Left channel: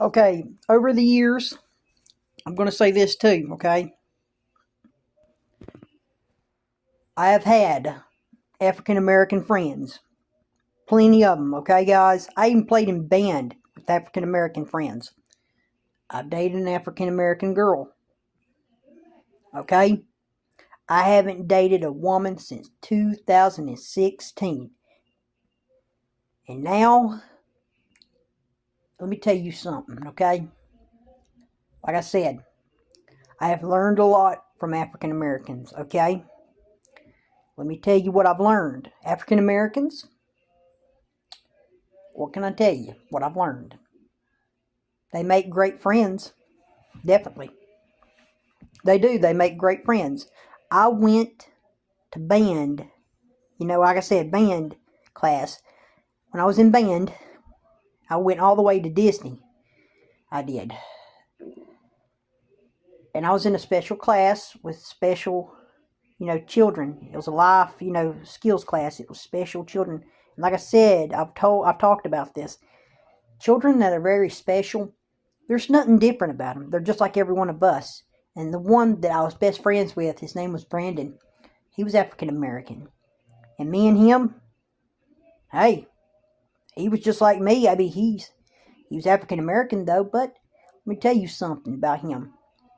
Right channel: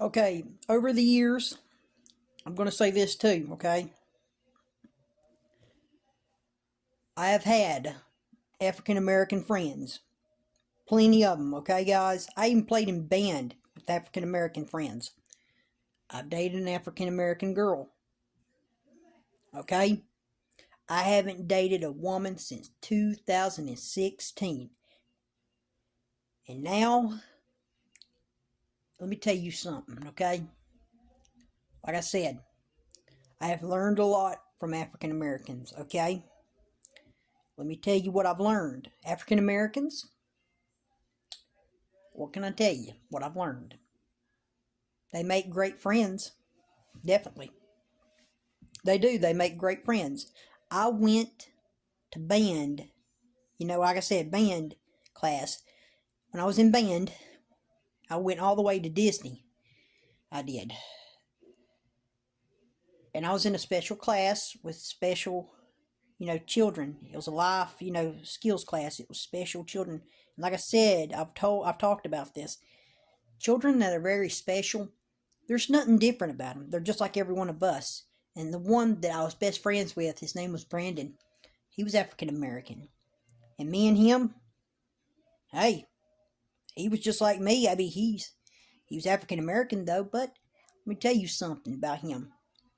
Okay, over the years, I'm going to say this too, okay? I have had African American friends. Plenty of them, okay, guys? I even played in band with African American friends. I've dated an African American girl, okay? I haven't dated a woman since 2016. And now, let me tell you something, okay? Like I said, I have learned a lot from African Americans, okay? Let me tell you what I've learned. African Americans, what can I tell you? What I've learned. They make great friends. Definitely. They do. They make great friends. I went to band, like I said, band class. When I was in band, I went all the way to Disney. I did. And I was in a special class with special, children. It was a life, skills class. It was special children. And like I said, I've talked about this. Children that are very special, there's nothing different about them. They're just like every one of us. And the one that I was best friends with, his name was Brandon. He was African American. And me and him, hey, he was just like me. I mean, he was African American though, but let me tell you something about him.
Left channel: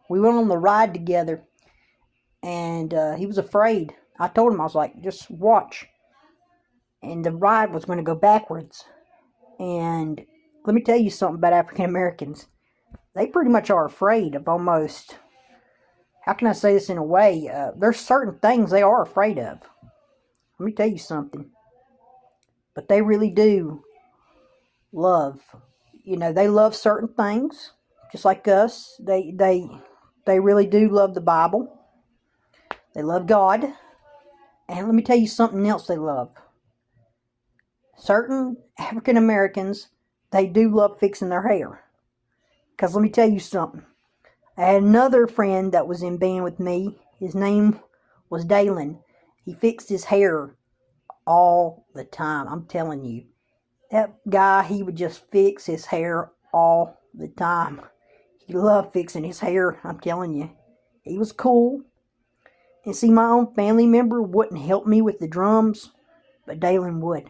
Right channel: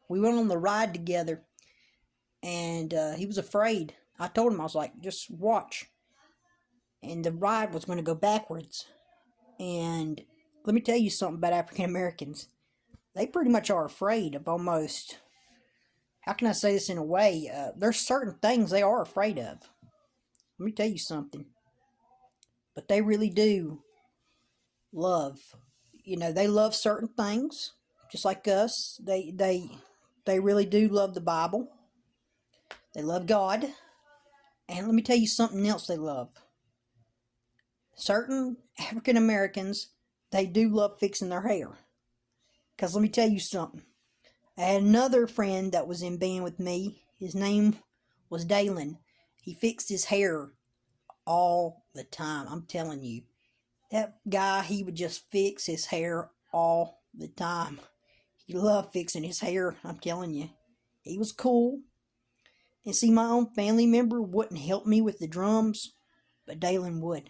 We went on the ride together, and he was afraid. I told him, I was like, just watch. And the ride was going to go backwards. And let me tell you something about African Americans. They pretty much are afraid of almost, how can I say this in a way? There's certain things they are afraid of. Let me tell you something. But they really do love. They love certain things, just like us. They really do love the Bible. They love God. And let me tell you something else they love. Certain African Americans, they do love fixing their hair. Because let me tell you something. I had another friend that was in band with me. His name was Dalen. He fixed his hair all the time. I'm telling you. That guy, he would just fix his hair all the time. He loved fixing his hair, I'm telling you. He was cool. And see, my own family member wouldn't help me with the drums, but Dalen would.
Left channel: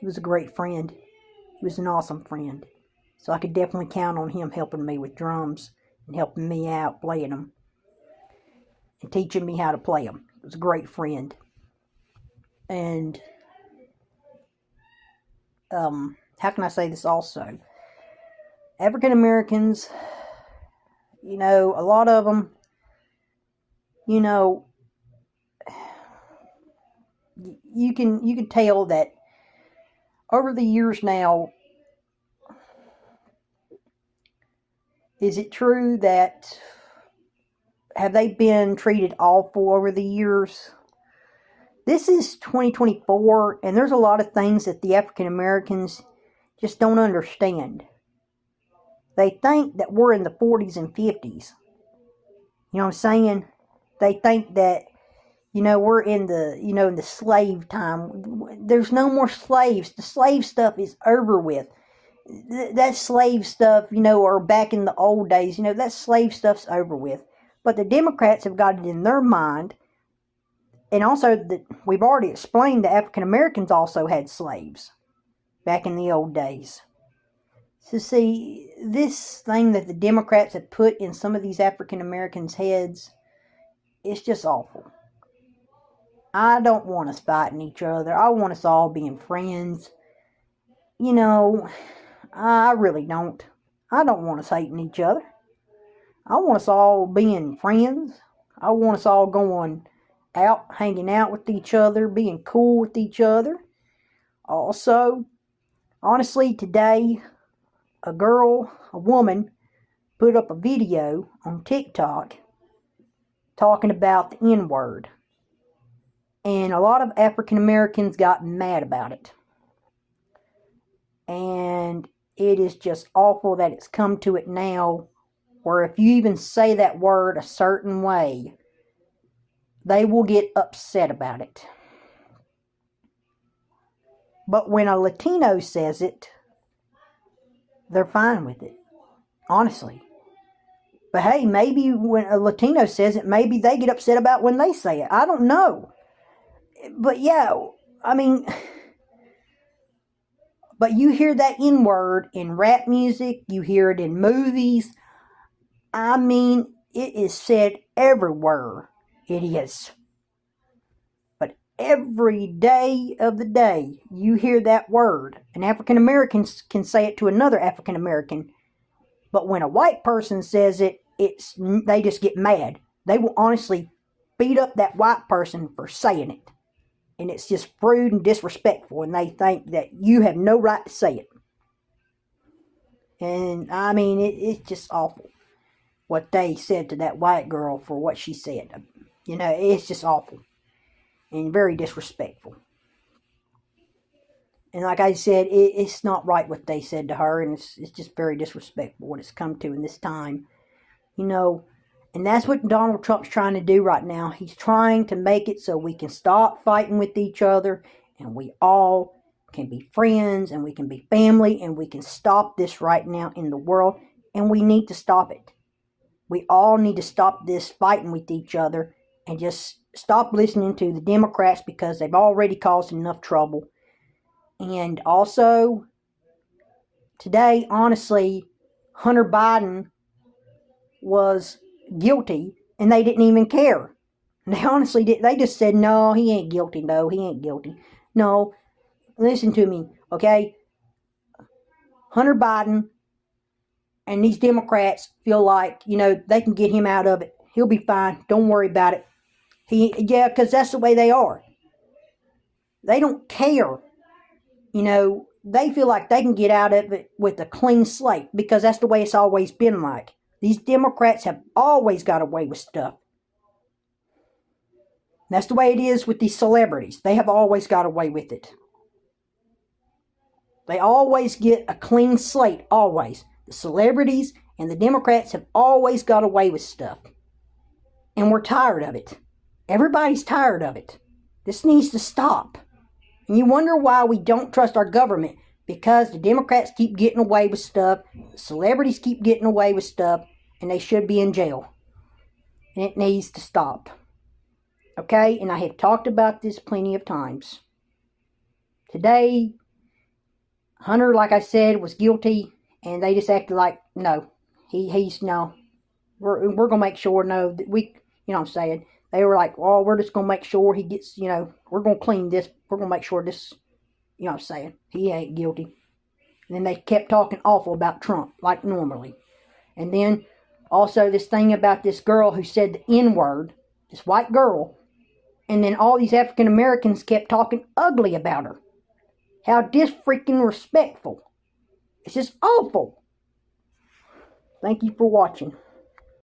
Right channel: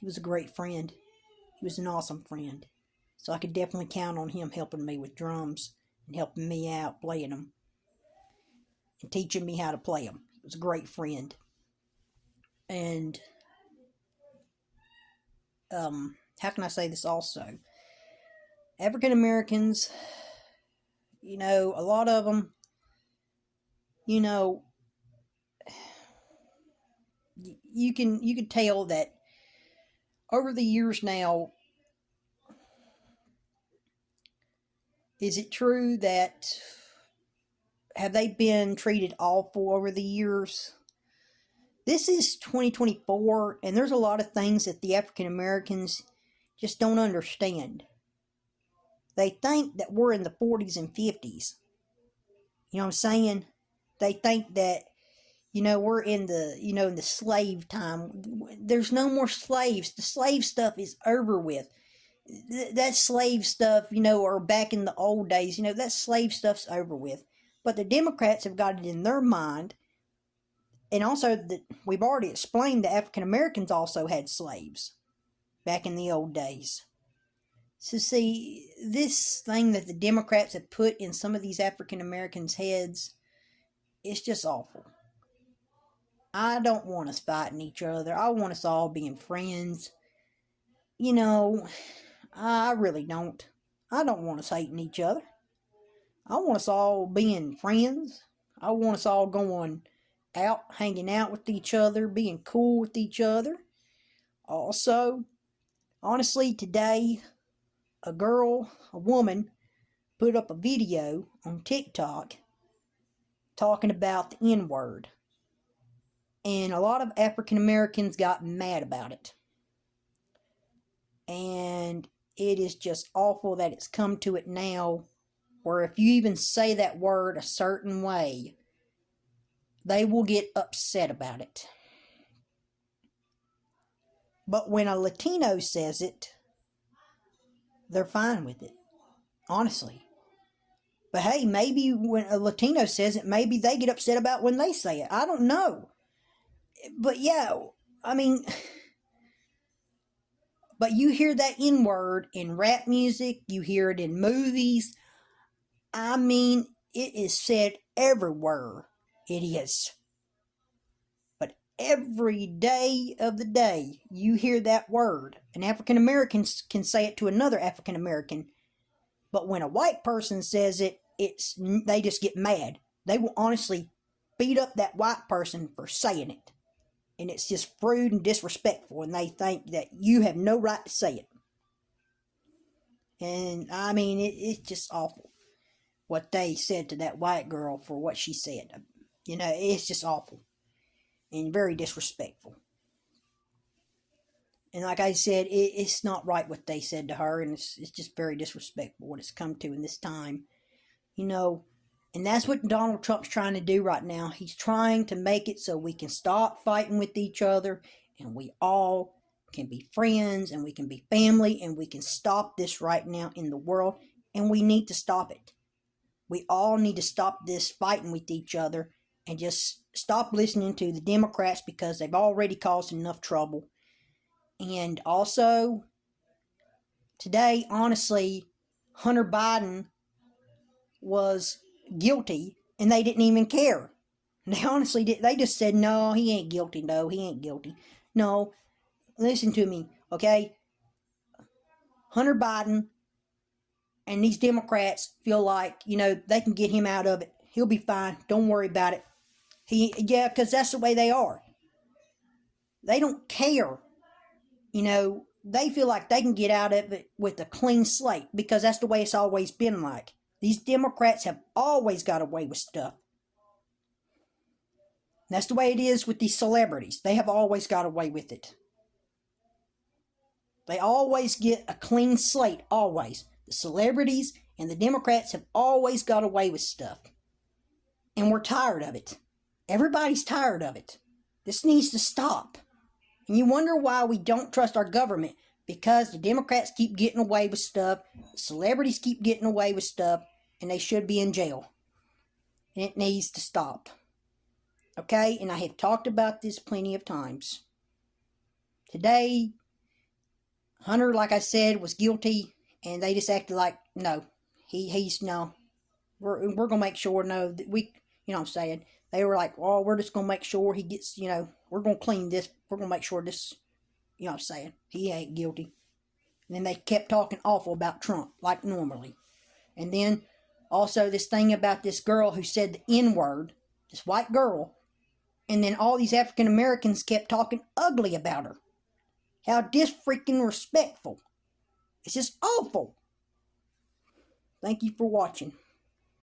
He was a great friend. He was an awesome friend. So I could definitely count on him helping me with drums and helping me out playing them and teaching me how to play them. He was a great friend. And how can I say this also? African Americans, a lot of them, you can tell that over the years now. Is it true that have they been treated awful over the years? This is 2024, and there's a lot of things that the African Americans just don't understand. They think that we're in the 40s and 50s. You know what I'm saying? They think that, we're in the slave time. There's no more slaves. The slave stuff is over with. That slave stuff, or back in the old days, that slave stuff's over with. But the Democrats have got it in their mind. And also, we've already explained that African Americans also had slaves back in the old days. So see, this thing that the Democrats have put in some of these African Americans' heads, it's just awful. I don't want us fighting each other. I want us all being friends. I really don't. I don't want us hating each other. I want us all being friends. I want us all going out, hanging out with each other, being cool with each other. Also, honestly, today, a woman, put up a video on TikTok talking about the N-word. And a lot of African Americans got mad about it. And it is just awful that it's come to it now, where if you even say that word a certain way, they will get upset about it. But when a Latino says it, they're fine with it. honestly. But hey, maybe when a Latino says it, maybe they get upset about when they say it. I don't know. But yeah, I mean, but you hear that N-word in rap music, you hear it in movies. I mean, it is said everywhere. It is. But every day of the day, you hear that word. And African Americans can say it to another African American. But when a white person says it, they just get mad. They will honestly beat up that white person for saying it. And it's just rude and disrespectful. And they think that you have no right to say it. And I mean, it's just awful what they said to that white girl for what she said. You know, it's just awful and very disrespectful. And like I said, it's not right what they said to her, and it's just very disrespectful what it's come to in this time. You know, and that's what Donald Trump's trying to do right now. He's trying to make it so we can stop fighting with each other, and we all can be friends, and we can be family, and we can stop this right now in the world, and we need to stop it. We all need to stop this fighting with each other and just stop listening to the Democrats because they've already caused enough trouble. And also, today, honestly, Hunter Biden was guilty and they didn't even care. They honestly did. They just said, no, he ain't guilty. No, he ain't guilty. No, listen to me, okay? Hunter Biden and these Democrats feel like, you know, they can get him out of it. He'll be fine. Don't worry about it. Because that's the way they are. They don't care. You know, they feel like they can get out of it with a clean slate because that's the way it's always been like. These Democrats have always got away with stuff. That's the way it is with these celebrities. They have always got away with it. They always get a clean slate, always. The celebrities and the Democrats have always got away with stuff. And we're tired of it. Everybody's tired of it. This needs to stop. And you wonder why we don't trust our government. Because the Democrats keep getting away with stuff. The celebrities keep getting away with stuff. And they should be in jail. And it needs to stop. Okay? And I have talked about this plenty of times. Today, Hunter, like I said, was guilty. And they just acted like, no. He's no. We're going to make sure, no. That we, you know what I'm saying? They were like, well, we're just going to make sure he gets, you know, we're going to clean this. We're going to make sure this, you know what I'm saying? He ain't guilty. And then they kept talking awful about Trump, like normally. And then also this thing about this girl who said the N-word, this white girl. And then all these African Americans kept talking ugly about her. How disfreaking respectful. It's just awful. Thank you for watching.